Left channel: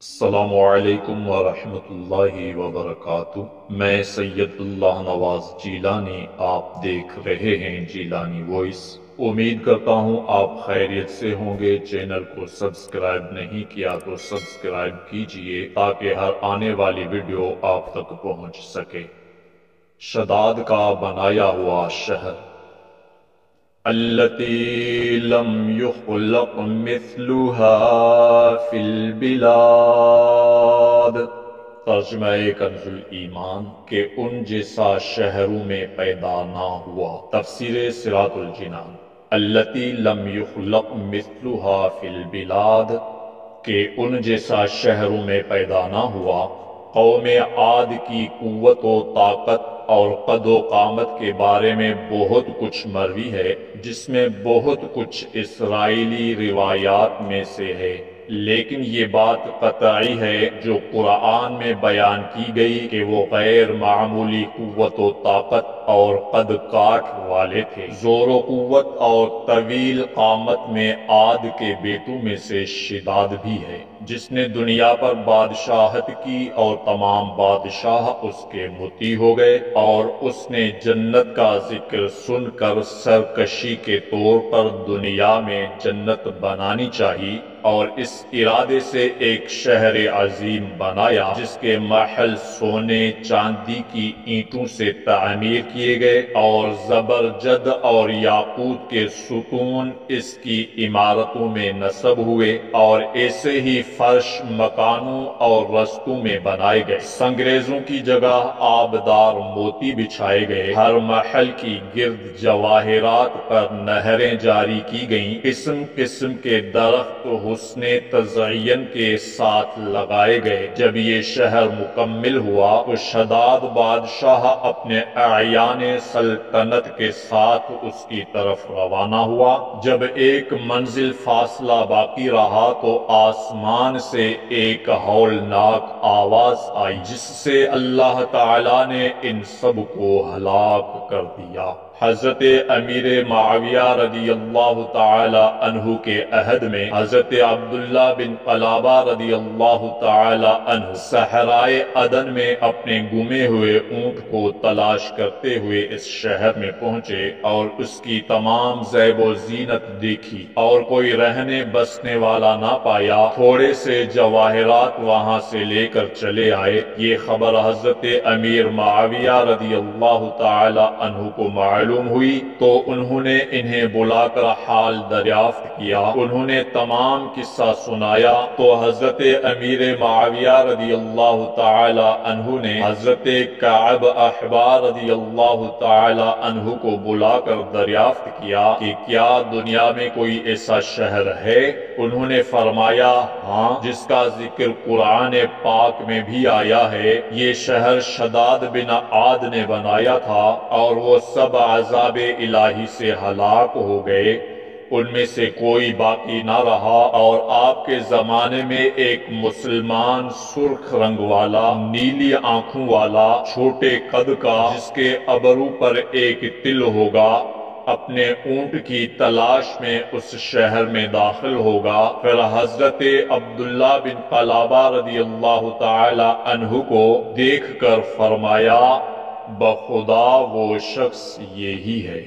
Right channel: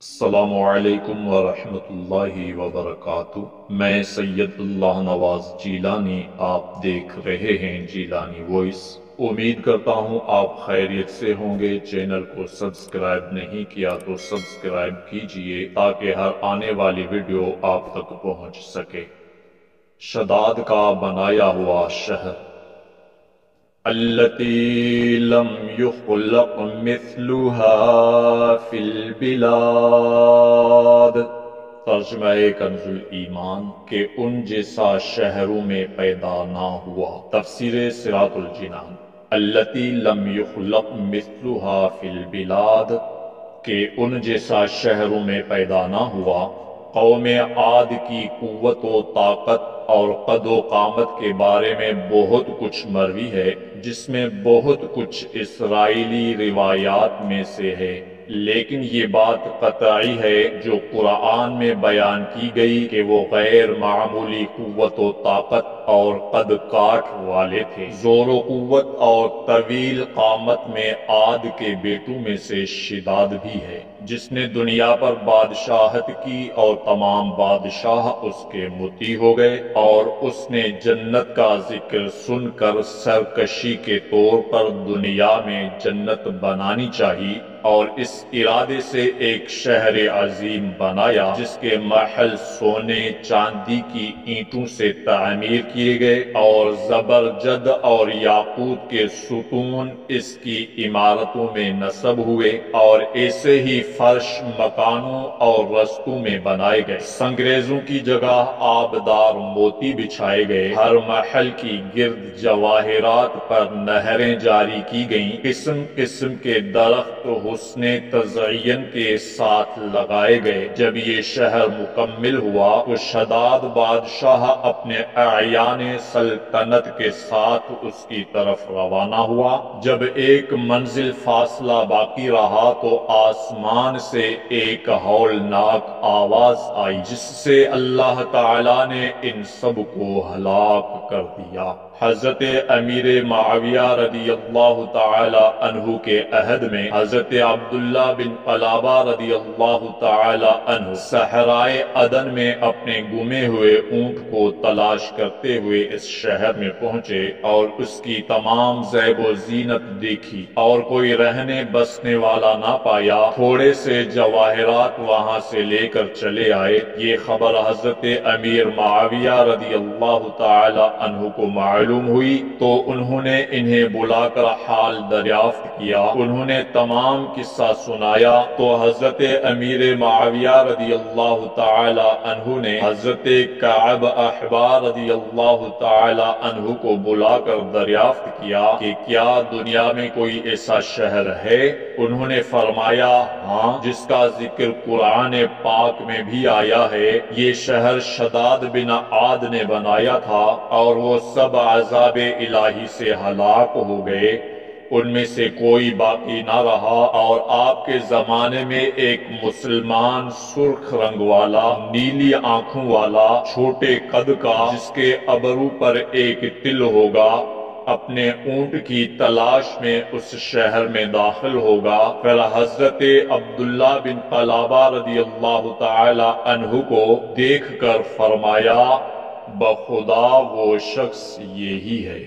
السلام علیکم ورحمۃ اللہ وبرکاتہ۔ میں سید اللہ نواز جیلانی، آپ دیکھ رہے ہیں جیلانی وائس۔ امید کرتا ہوں آپ خیریت سے ہوں گے۔ چینل کو سبسکرائب نہیں کیا تو سبسکرائب کیجئے تاکہ ہر آنے والی ویڈیو آپ تک پہنچ سکے۔ شداد کا بنایا ہوا شہر، التي لم يخلق مثلها في البلاد۔ ترجمہ کنز ایمان کہ ان جیسا شہروں میں پیدا نہ ہوا۔ تفسیر صراط الجنان، التي لم يخلق مثلها في البلاد کہ ان جیسا شہروں میں پیدا نہ ہوا۔ قوم عاد کی قوت و طاقت اور قد و قامت کے بارے میں بہت کچھ مروی ہے، جس میں بہت کچھ اسرائیلی روایات میں سے ہے، لیکن یہ بات قطعی ہے جو قرآن میں بیان کی گئی کہ وہ غیر معمولی قوت و طاقت اور قد کاٹ والے تھے۔ زور و قوت اور طویل قامت میں عاد کے بیٹوں میں سے شداد بھی ہے، جس نے دنیا پر بادشاہت کی اور تمام بادشاہ اس کے مطیع ہو گئے، اور اس نے جنت کا ذکر سن کر سرکشی کے طور پر دنیا میں جنت بنانی چاہی، اور اس ارادے سے ایک شہر عظیم بنایا جس کے محل سونے چاندی کی اینٹوں سے تعمیر کیے گئے، اور زبرجد اور یاقوت کے ستون اس کی عمارتوں میں نصب ہوئے، اور ایسے ہی فرش مکانوں اور رستوں میں بنائے گئے۔ سنگریزوں کی جگہ آبدار موتی بچھائے گئے، ہر محل کی گرد جواہرات پر نہریں جاری کی گئیں، قسم قسم کے درخت حسن تزئین کے ساتھ لگائے گئے۔ جب یہ شہر مکمل ہوا تو شداد بادشاہ اپنے اعیان سلطنت کے ساتھ اس کی طرف روانہ ہوا۔ جب ایک منزل فاصلہ باقی رہا تو آسمان سے ایک ہولناک آواز آئی، جس سے اللہ تعالیٰ نے ان سب کو ہلاک کر دیا۔ حضرت امیر معاویہ رضی اللہ تعالی عنہ کے عہد میں حضرت عبداللہ بن قلابہ رضی اللہ تعالی عنہ صحرائے عدن میں اپنے گمے ہوئے اونٹ کو تلاش کرتے ہوئے اس شہر میں پہنچے اور اس کی تمام زیب و زینت دیکھی، اور کوئی رہنے بسنے والا نہ پایا۔ تھوڑے سے جواہرات وہاں سے لے کر چلے آئے۔ یہ خبر حضرت امیر معاویہ رضی اللہ تعالی عنہ کو معلوم ہوئی تو انہوں نے انہیں بلا کر حال دریافت کیا۔ انہوں نے تمام قصہ سنایا تو حضرت امیر معاویہ رضی اللہ تعالی عنہ نے حضرت کعب احبار رضی اللہ تعالی عنہ کو بلا کر دریافت کیا کہ کیا دنیا میں کوئی ایسا شہر ہے؟ انہوں نے فرمایا ہاں، جس کا ذکر قرآن پاک میں بھی آیا ہے۔ یہ شہر شداد بن عاد نے بنایا تھا اور وہ سب عذاب الہی سے ہلاک ہو گئے، ان میں سے کوئی باقی نہ رہا۔ اور آپ کے زمانے میں ایک مسلمان سرخ رنگ والا، نیلی آنکھوں والا، چھوٹے قد کا، جس کے ابرو پر ایک تل ہوگا، اپنے اونٹ کی تلاش میں اس شہر میں داخل ہوگا۔ پھر حضرت عبداللہ بن قلابہ رضی اللہ تعالی عنہ کو دیکھ کر فرمایا بخدا وہ شخص یہی ہے۔